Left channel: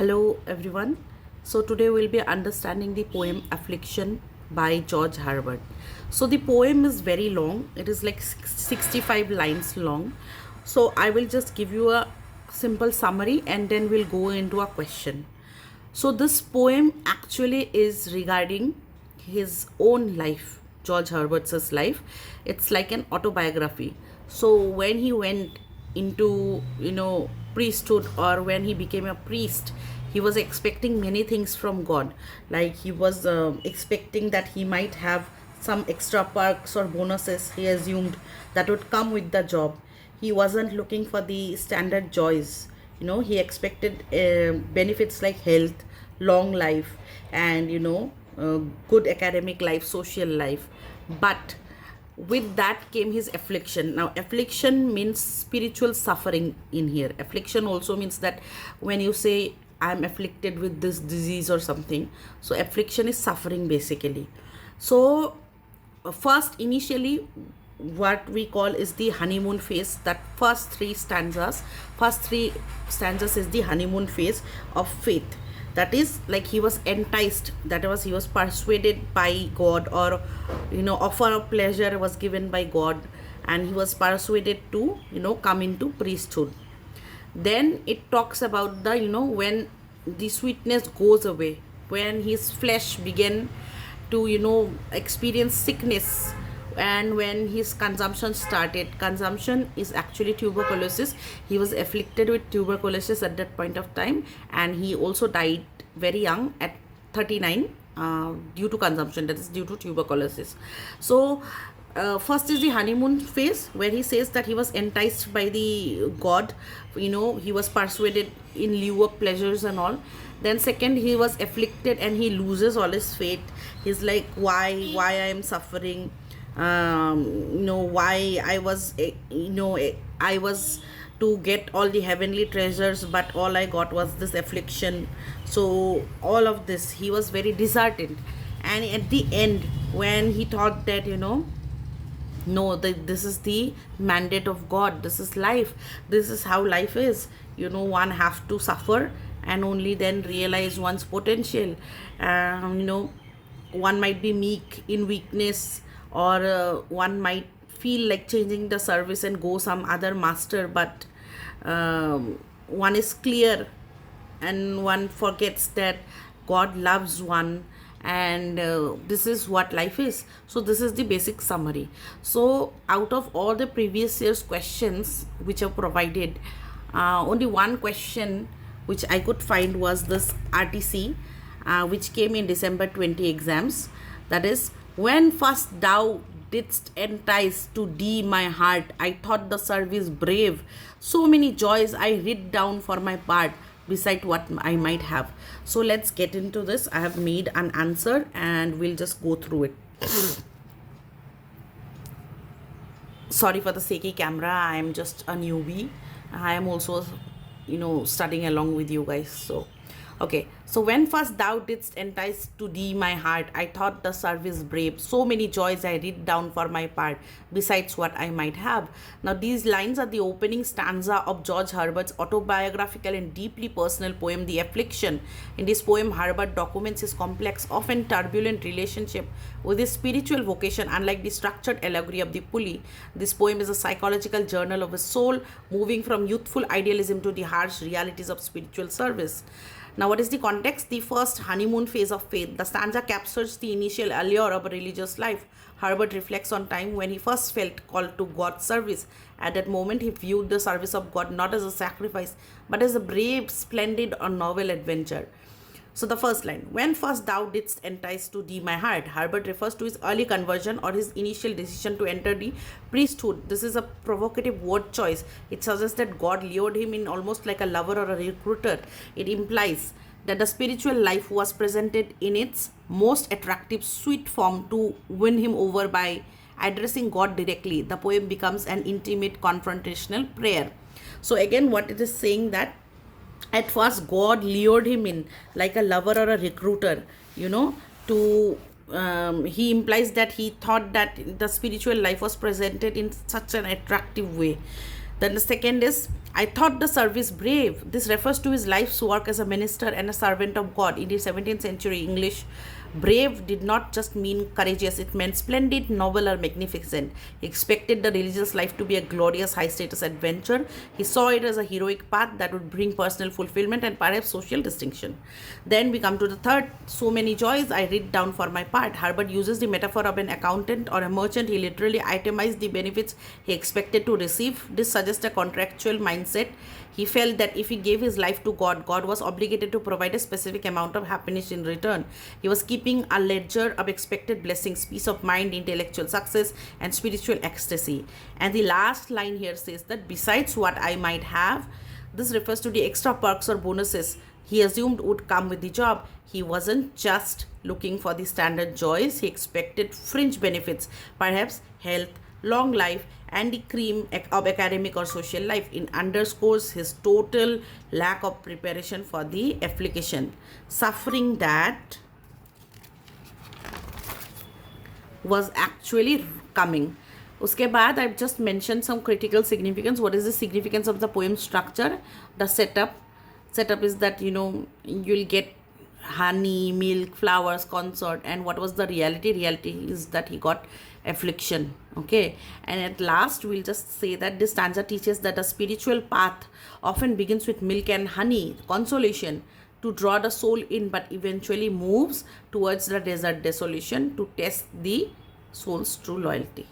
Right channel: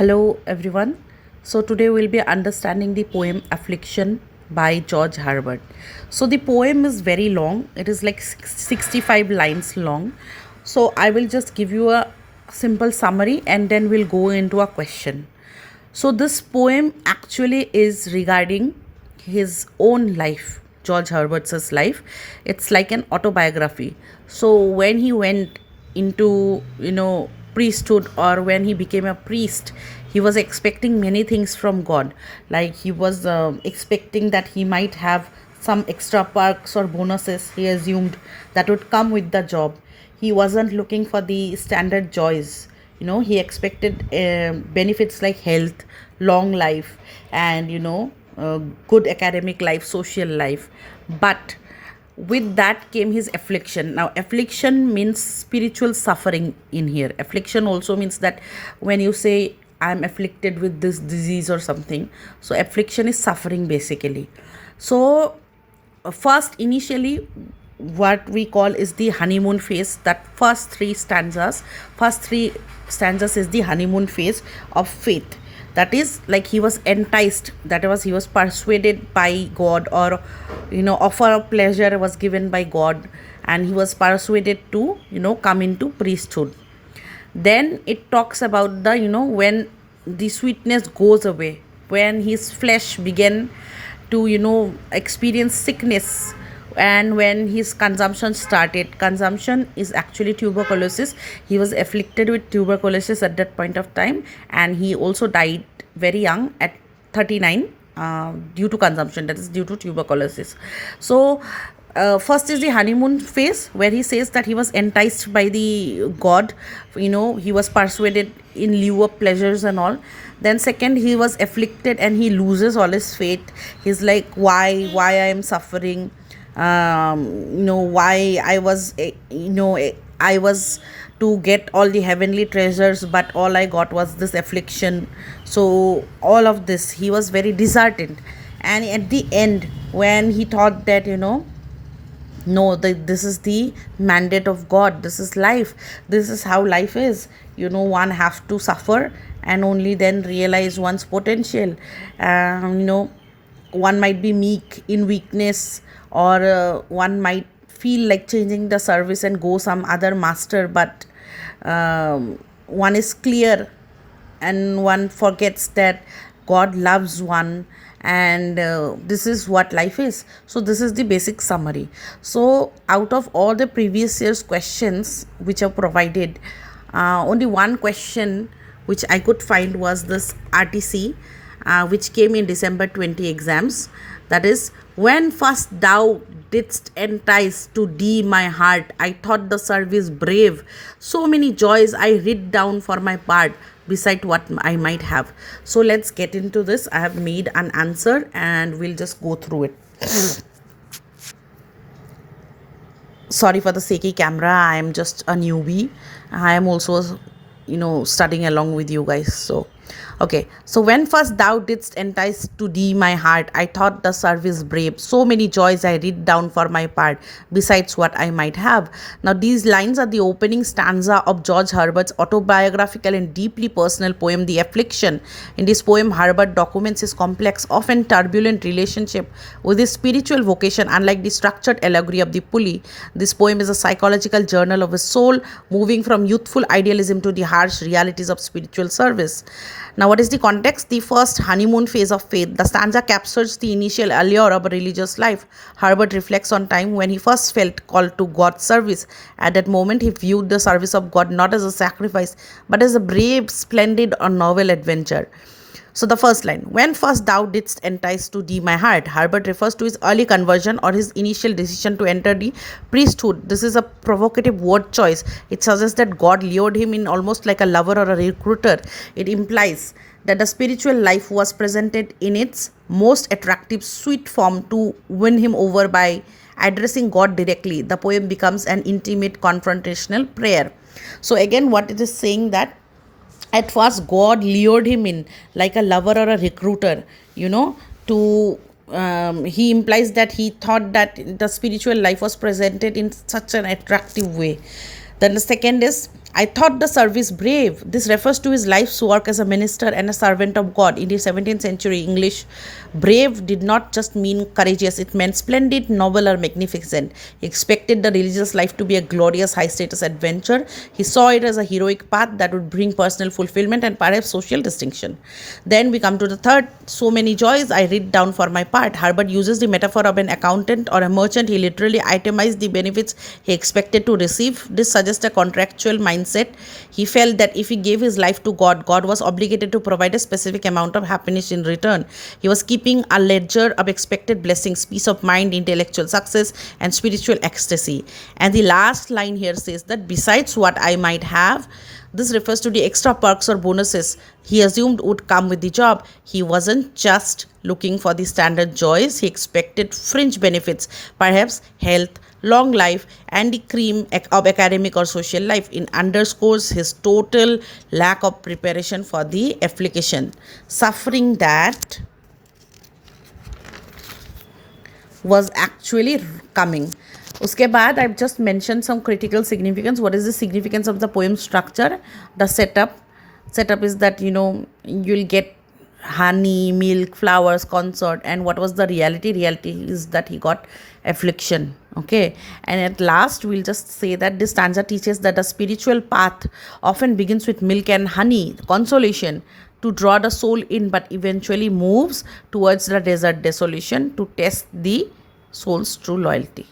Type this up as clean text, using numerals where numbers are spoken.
Hello everyone. So today we'll be understanding the poem Affliction by George Herbert. So the poem is very long. It is like 65 lines long. So I will just give you a simple summary and then we'll go into a question. So this poem actually is regarding his own life, George Herbert's life. It's like an autobiography. So when he went into priesthood, or when he became a priest, he was expecting many things from God. Like he was expecting that he might have some extra perks or bonuses, he assumed, that would come with the job. He wasn't looking for the standard joys. He expected benefits like health, long life, and good academic life, social life. But with that came his affliction. Now affliction means spiritual suffering. In here, affliction also means that when you say I'm afflicted with this disease or something, so affliction is suffering basically. So first, initially, what we call is the honeymoon phase. That first three stanzas is the honeymoon phase of faith. That is, like, he was enticed, that was, he was persuaded by God, or offer of pleasure was given by God, and he was persuaded to come into priesthood. Then it talks about the when the sweetness goes away, when his flesh began to experience sickness, and when his consumption started. Consumption is actually tuberculosis. He was afflicted with tuberculosis at that point of time, and he also died very young at 39 due to consumption, that is due to tuberculosis. So first is the honeymoon phase, where he says that he was enticed by the God. He was persuaded in lieu of pleasures and all. Then second, he was afflicted and he loses all his faith. He's like, why I am suffering, why I was I was to get all the heavenly treasures, but all I got was this affliction. So all of this, he was very disheartened. And at the end, when he thought that no, this is the mandate of God, this is life, this is how life is, one have to suffer and only then realize one's potential. One might be meek in weakness, or one might feel like changing the service and go some other master, but one is clear, and one forgets that God loves one, and this is what life is. So this is the basic summary. So out of all the previous year's questions which are provided, only one question which I could find was this RTC, which came in December 20 exams. That is, when first thou didst entice to thee my heart, I thought the service brave. So many joys I writ down for my part, beside what I might have. So let's get into this. I have made an answer and we'll just go through it. Sorry for the shaky camera. I am just a newbie. I am also studying along with you guys. So okay, so when first thou didst entice to thee my heart, I thought the service brave. So many joys I writ down for my part, besides what I might have. Now these lines are the opening stanza of George Herbert's autobiographical and deeply personal poem, The Affliction. In this poem, Herbert documents his complex, often turbulent relationship with his spiritual vocation. Unlike the structured allegory of the pulley, this poem is a psychological journal of his soul, moving from youthful idealism to the harsh realities of spiritual service. Now, what is the context? The first honeymoon phase of faith. The stanza captures the initial allure of a religious life. Herbert reflects on time when he first felt called to God's service. At that moment, he viewed the service of God not as a sacrifice, but as a brave, splendid, or novel adventure. So the first line, when first thou didst entice to thee my heart, Herbert refers to his early conversion or his initial decision to enter the priesthood. This is a provocative word choice. It suggests that God lured him in almost like a lover or a recruiter. It implies that the spiritual life was presented in its most attractive, sweet form to win him over by addressing God directly. The poem becomes an intimate confrontational prayer. So again, what it is saying, that at first God lured him in like a lover or a recruiter, to he implies that he thought that the spiritual life was presented in such an attractive way. Then the second is, I thought the service brave. This refers to his life's work as a minister and a servant of God. In the 17th century English, brave did not just mean courageous, it meant splendid, noble, or magnificent. He expected the religious life to be a glorious, high status adventure. He saw it as a heroic path that would bring personal fulfillment and perhaps social distinction. Then we come to the third, so many joys. I read down for my part. Herbert uses the metaphor of an accountant or a merchant. He literally itemized the benefits he expected to receive. This suggests a contractual mindset. He felt that if he gave his life to God, God was obligated to provide a specific amount of happiness in return. He was keeping a ledger of expected blessings, peace of mind, intellectual success, and spiritual ecstasy. And the last line here says that besides what I might have, this refers to the extra perks or bonuses he assumed would come with the job. He wasn't just looking for the standard joys, he expected fringe benefits, perhaps health, long life, and the cream of academic or social life. It underscores his total lack of preparation for the affliction, suffering that was actually coming. उसके बाद I've just mentioned some critical significance. What is the significance of the poem structure? The setup is that you'll get honey, milk, flowers, consort. And what was the reality is that he got affliction. Okay, and at last we'll just say that this stanza teaches that a spiritual path often begins with milk and honey, consolation, to draw the soul in, but eventually moves towards the desert desolation to test the soul's true loyalty.